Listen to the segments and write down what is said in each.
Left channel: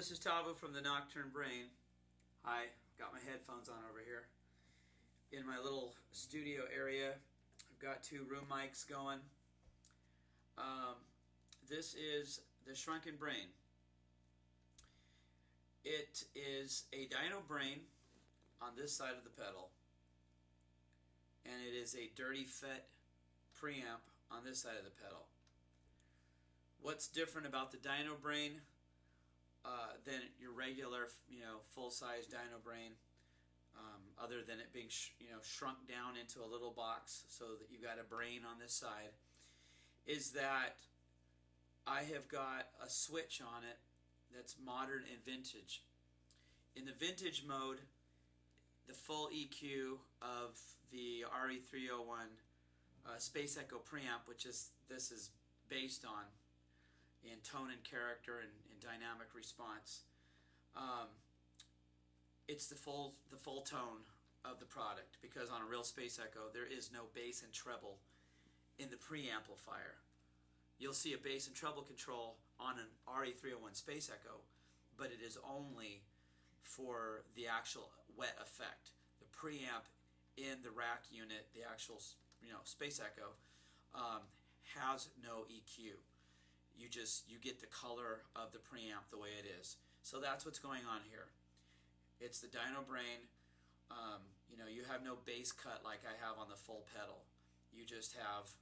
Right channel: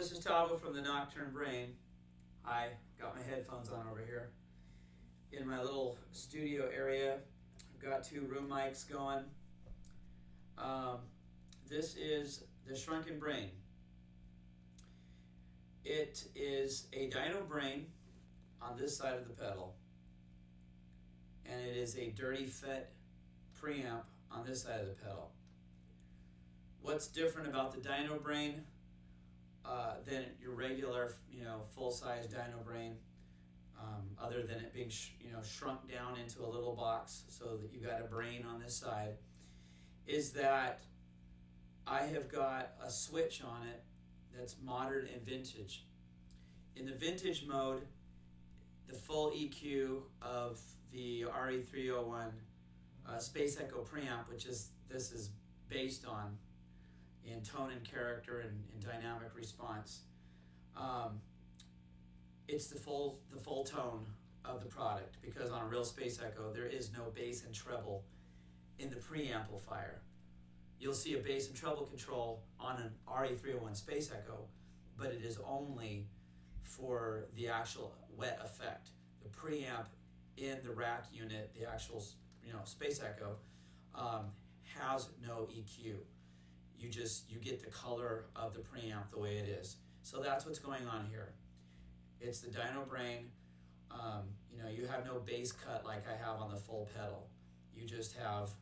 this is Tavo from the Nocturne Brain. Hi, got my headphones on over here. In my little studio area, I've got two room mics going. This is the Shrunken Brain. It is a Dynobrain on this side of the pedal, and it is a Dirty Fet preamp on this side of the pedal. What's different about the Dynobrain than your regular, full-size Dynobrain, other than it being, shrunk down into a little box so that you got a brain on this side, is that I have got a switch on it that's modern and vintage. In the vintage mode, the full EQ of the RE301 Space Echo preamp, which this is based on in tone and character and dynamic response, it's the full tone of the product, because on a real Space Echo there is no bass and treble in the preamplifier. You'll see a bass and treble control on an RE301 Space Echo, but it is only for the actual wet effect. The preamp in the rack unit, the actual Space Echo, has no EQ. You get the color of the preamp the way it is. So that's what's going on here. It's the Dynobrain. You have no bass cut like I have on the full pedal. You just have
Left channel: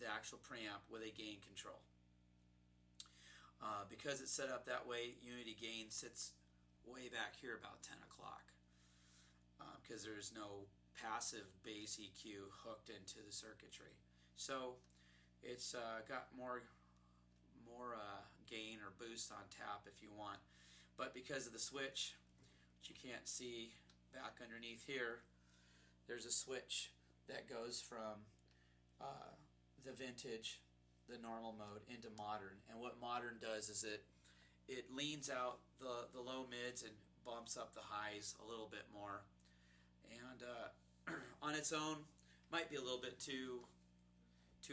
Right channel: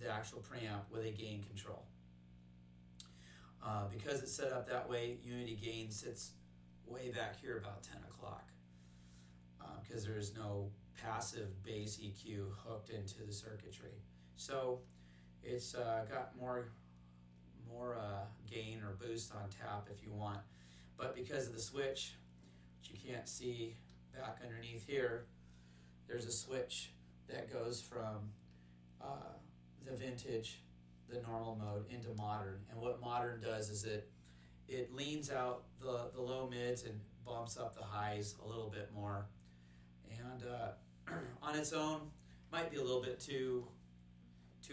the actual preamp with a gain control. Because it's set up that way, unity gain sits way back here about 10 o'clock, because there's no passive bass EQ hooked into the circuitry. So it's got more gain or boost on tap if you want. But because of the switch, which you can't see back underneath here, there's a switch that goes from the vintage, the normal mode, into modern. And what modern does is it leans out the low mids and bumps up the highs a little bit more. And on its own, might be a little bit too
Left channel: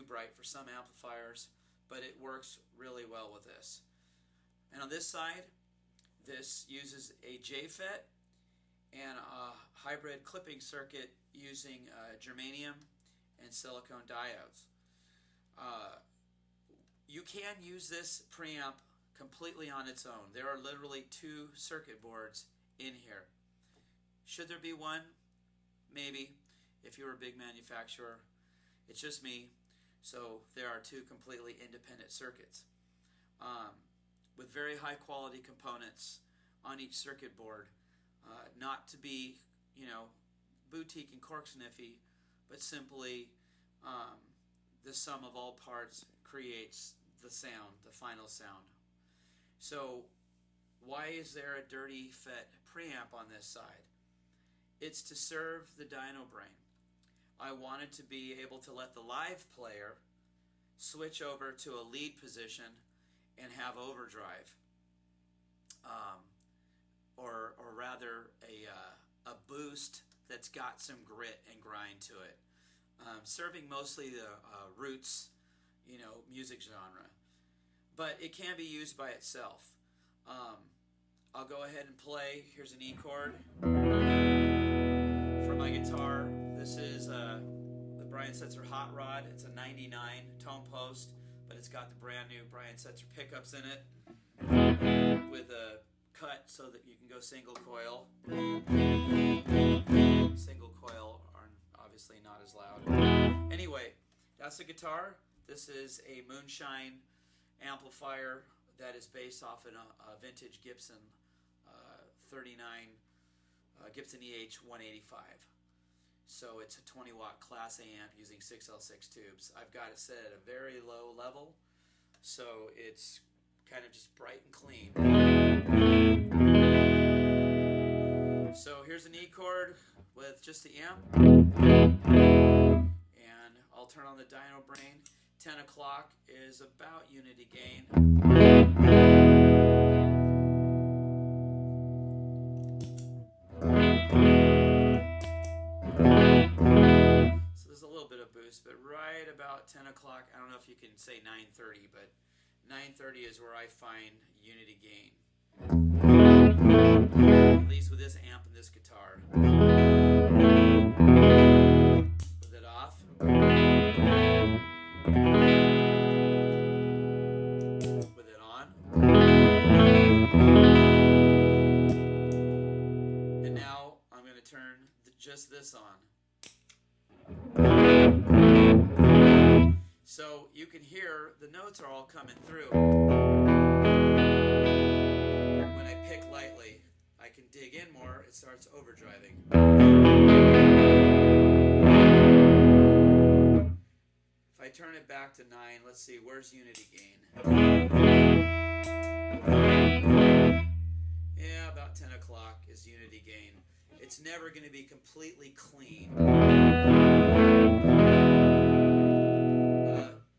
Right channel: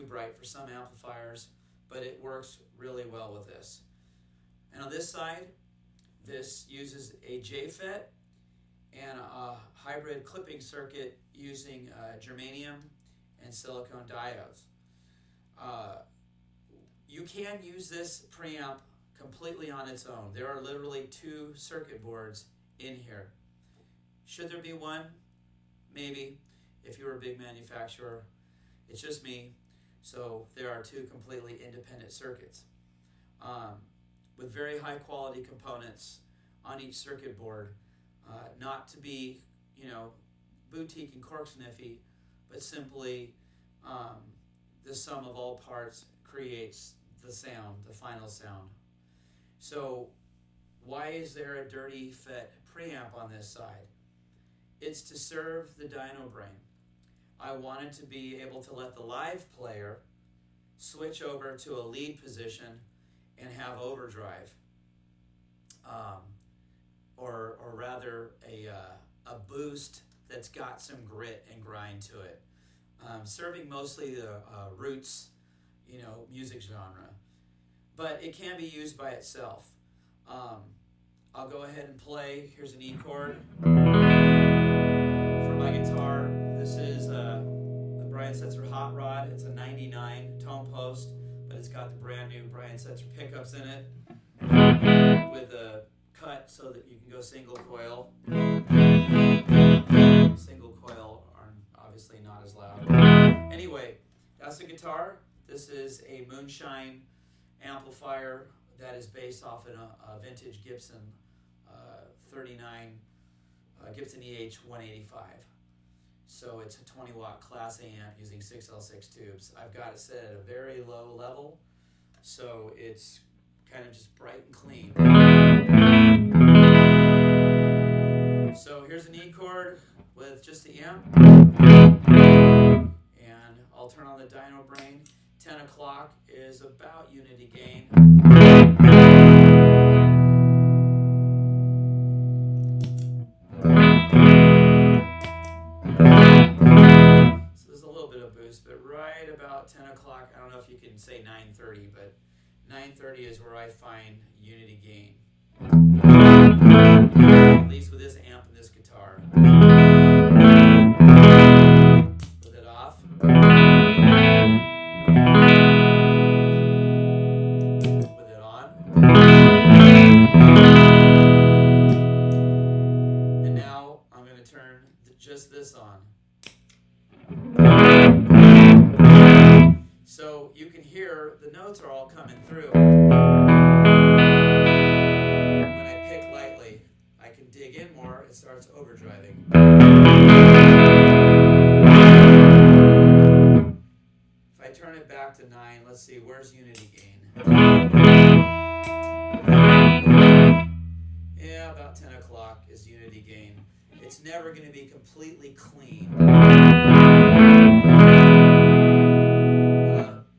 bright for some amplifiers, but it works really well with this. And on this side, this uses a JFET and a hybrid clipping circuit using Germanium and Silicon diodes. You can use this preamp completely on its own. There are literally two circuit boards in here. Should there be one? Maybe, if you're a big manufacturer. It's just me. So there are two completely independent circuits with very high quality components on each circuit board, not to be, boutique and cork sniffy, but simply the sum of all parts creates the sound, the final sound. So why is there a Dirty Fet preamp on this side? It's to serve the Dynobrain. I wanted to be able to let the live player switch over to a lead position and have overdrive, or rather a boost that's got some grit and grind to it, serving mostly the roots, music genre. But it can be used by itself. I'll go ahead and play. Here's an E chord for my guitar. This is the Brian Setzer Hot Rod. It's a 99 tone post, but it's got the brand new Brian Setzer pickups in it with a cut so that you can go single coil. Single coil are obviously not as loud. Anyway, that's the guitar. This is a Moonshine amplifier that is based off a vintage Gibson 39 Gibson EH 185. So it's a 20 watt class A amp using 6L6 tubes. I've got it set at a very low level, so it's kind of just bright and clean. So here's an E chord with just the amp, and I'll turn on the Dynobrain. 10 o'clock is about unity gain. So there's a little bit of boost, but right about 10 o'clock, I don't know if you can say 9:30, but 9:30 is where I find unity gain. At least with this amp and this guitar. With it off. With it on. And now I'm going to turn just this on. So you can hear the notes are all coming through. When I pick lightly, I can dig in more, it starts overdriving. If I turn it back to 9, let's see, where's unity gain? Yeah, about 10 o'clock is unity gain. It's never going to be completely clean.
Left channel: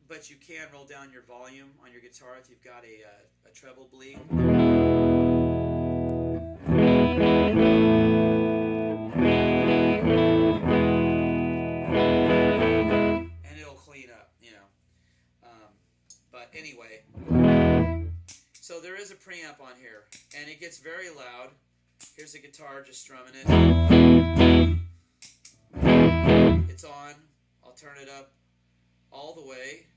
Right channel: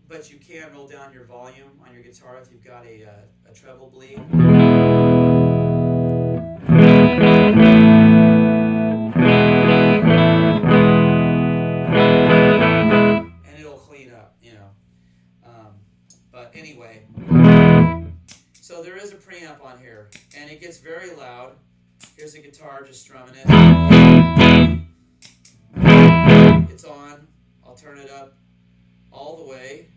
But you can roll down your volume on your guitar if you've got a treble bleed. And it'll clean up, you know. But anyway, so there is a preamp on here, and it gets very loud. Here's a guitar just strumming it. It's on. I'll turn it up all the way.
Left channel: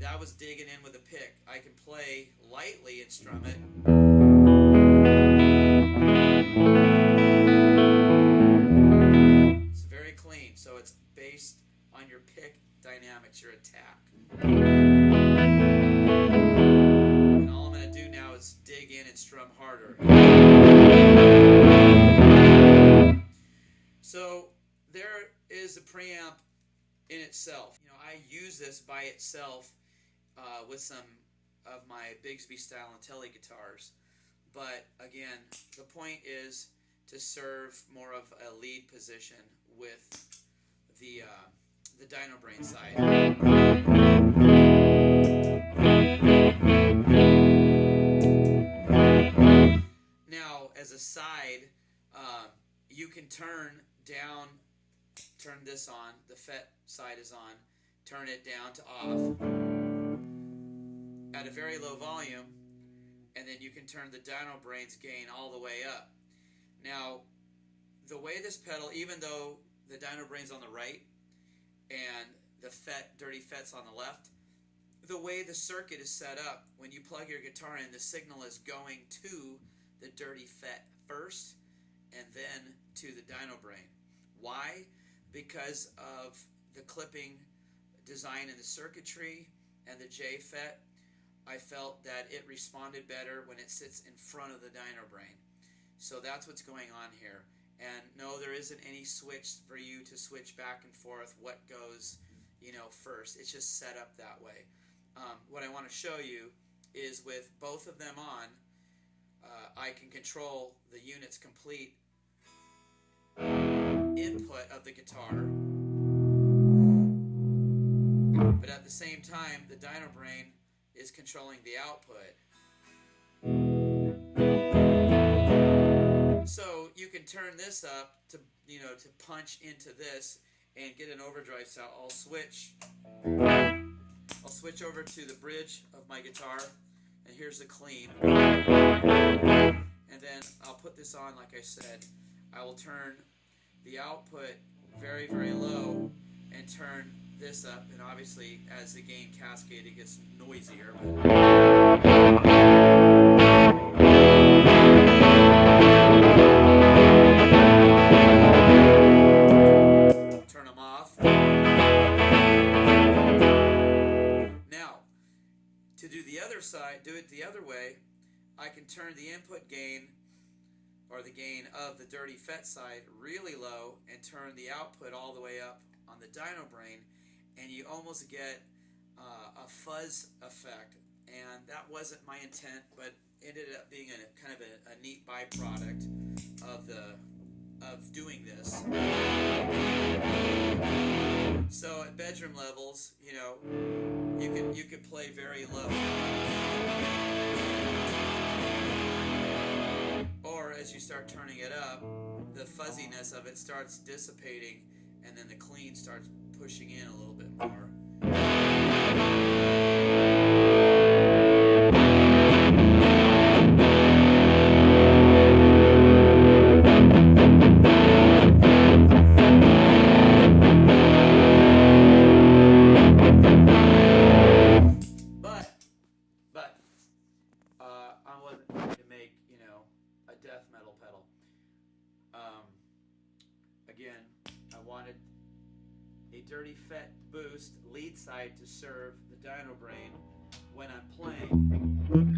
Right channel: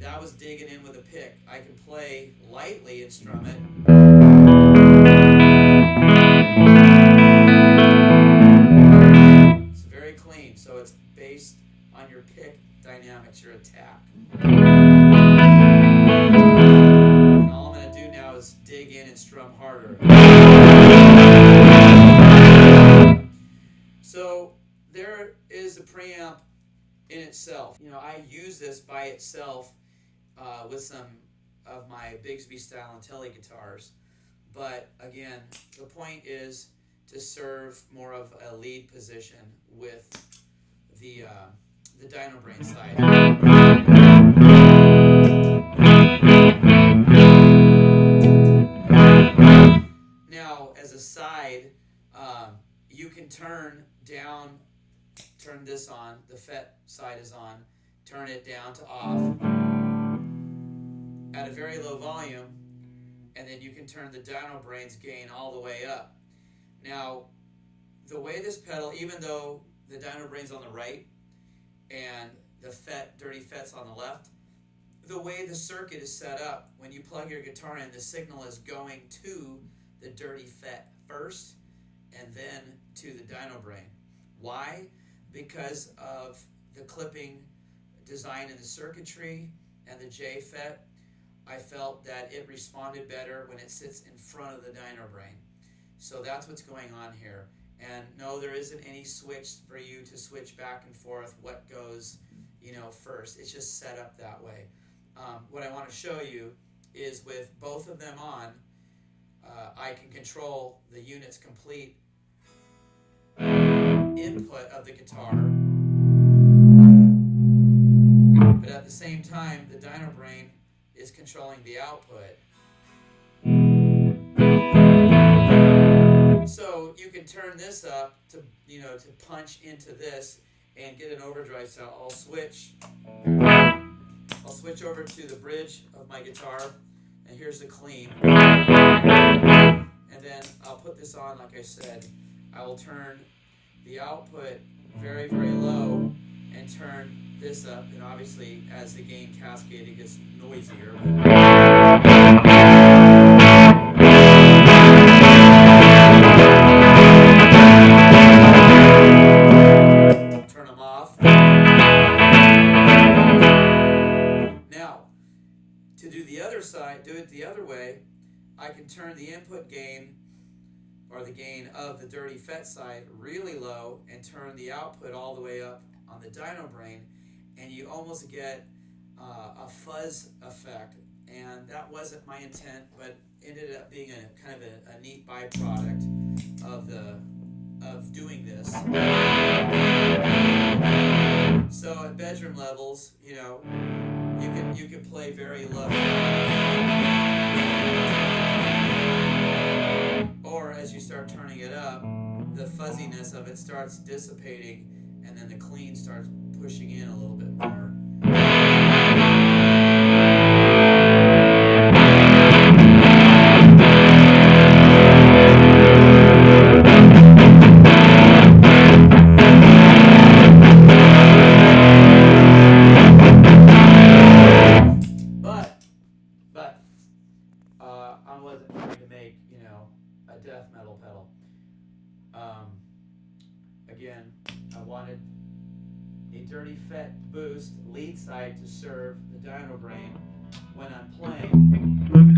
That was digging in with a pick. I can play lightly and strum it. It's very clean, so it's based on your pick dynamics, your attack. And all I'm going to do now is dig in and strum harder. So there is a preamp in itself. You know, I use this by itself with some of my Bigsby style and Tele guitars. But again, the point is to serve more of a lead position with the Dynobrain side. Now, as a side, you can turn this on, the Fet side is on, turn it down to off at a very low volume, and then you can turn the Dynobrain's gain all the way up. Now, the way this pedal, even though the Dynobrain's on the right and the Dirty Fet's on the left, the way the circuit is set up, when you plug your guitar in, the signal is going to the Dirty Fet first and then to the Dynobrain. Why? Because of the clipping design in the circuitry and the J Fet. I felt that it responded better when it sits in front of the Dynobrain. So that's what's going on here. And no, there isn't any switch for you to switch back and forth what goes, you know, first. It's just set up that way. What I want to show you is with both of them on, I can control the unit's complete input of the guitar, but at the same time the Dynobrain is controlling the output. So you can turn this up to, you know, to punch into this and get an overdrive sound. I'll switch over to the bridge of my guitar, and here's the clean. And then I'll put this on, like I said. I will turn the output very, very low and turn this up. And obviously, as the gain cascade, it gets noisier. Turn them off. Now, to do the other side, do it the other way, I can turn the input gain, or the gain of the Dirty Fet side, really low and turn the output all the way up on the Dynobrain, and you almost get a fuzz effect. And that wasn't my intent, but ended up being a kind of a neat byproduct of doing this. So at bedroom levels, you know, you can play very low. Or as you start turning it up, the fuzziness of it starts dissipating, and then the clean starts pushing in a little bit more. Dirty Fet boost lead side to serve the Dynobrain when I'm playing.